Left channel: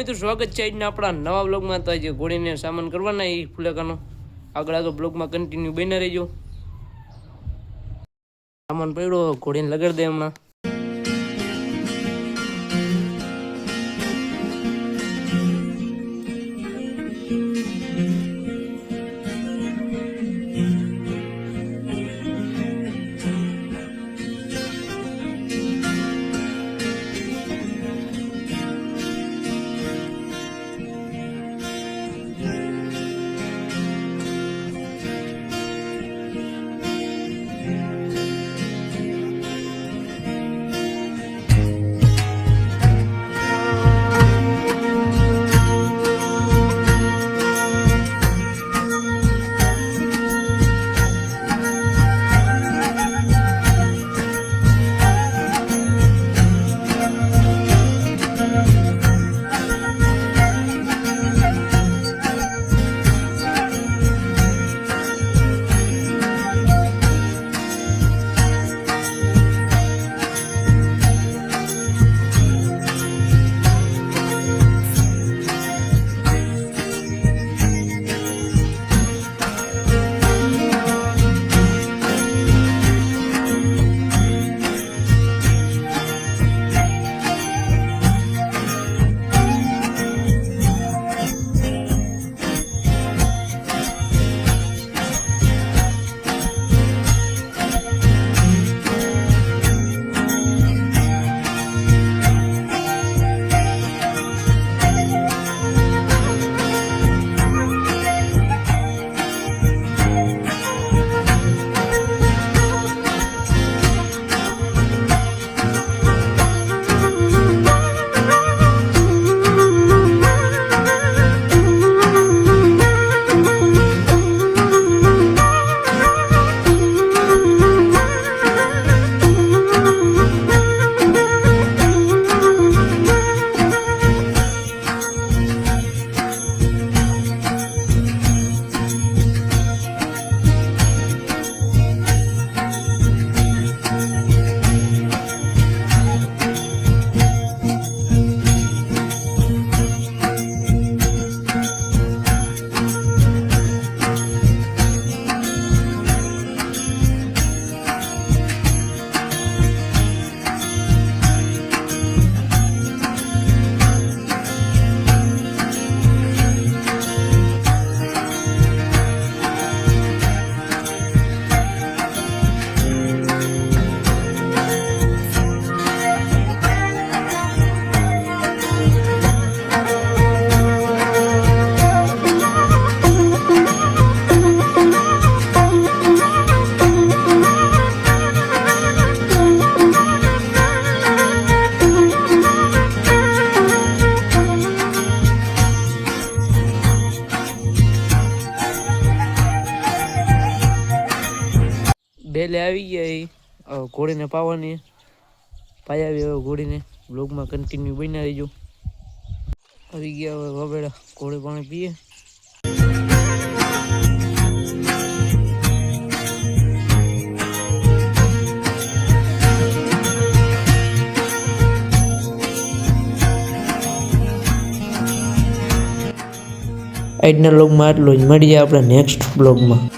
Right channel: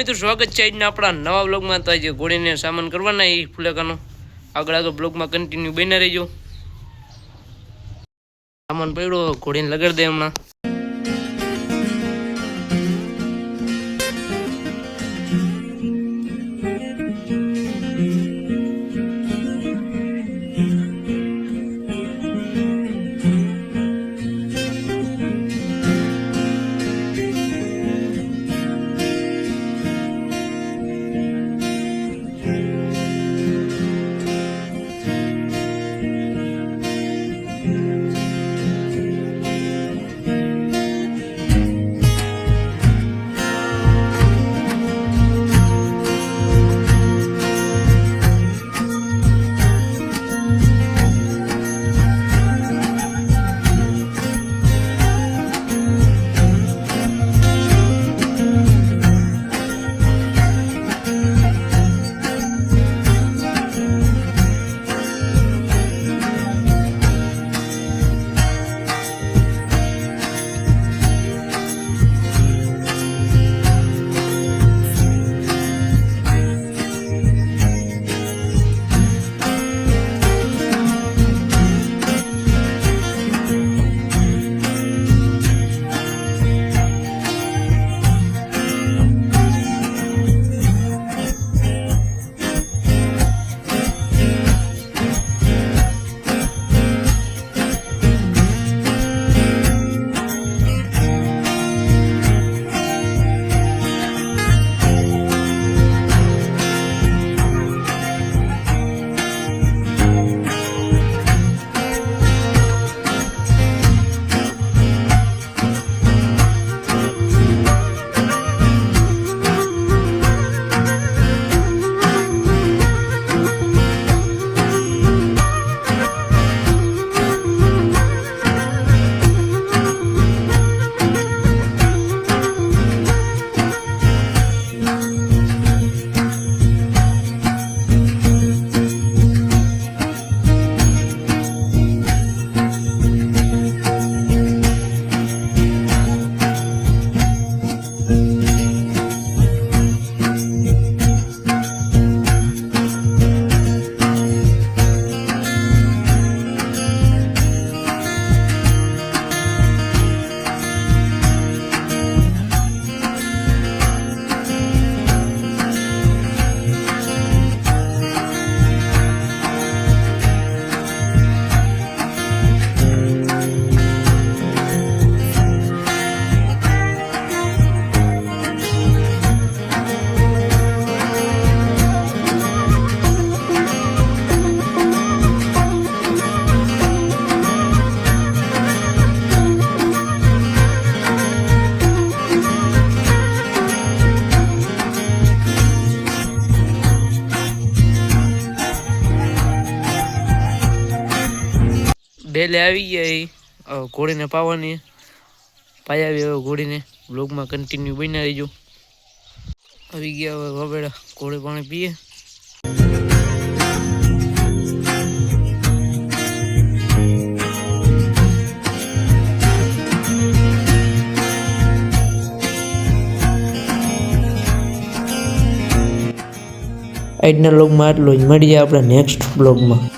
મિત્રો સ્વાગત છે આજના આપણા નવા બ્લોગમાં। તો આજે ઘોડીને સામાન કરવાના એ ફુલેકાનો આગળ બ્લોગમાં કન્ટિન્યુ બન્યા રહેજો। સામાન પડ્યો ઘોડીને લગાડી દે હમણાં। ડેલે આવી ગયા ઘોડીને પાવાની પાઈ આવી હવે ઘોડીને બ્લોગમાં કન્ટિન્યુ બન્યા રહીજો। આવી ગયા હવે વગેડા ઘોડે પાણી પીએ। આજના બ્લોગમાં આટલું જ, મળીએ આપણે નેક્સ્ટ બ્લોગમાં।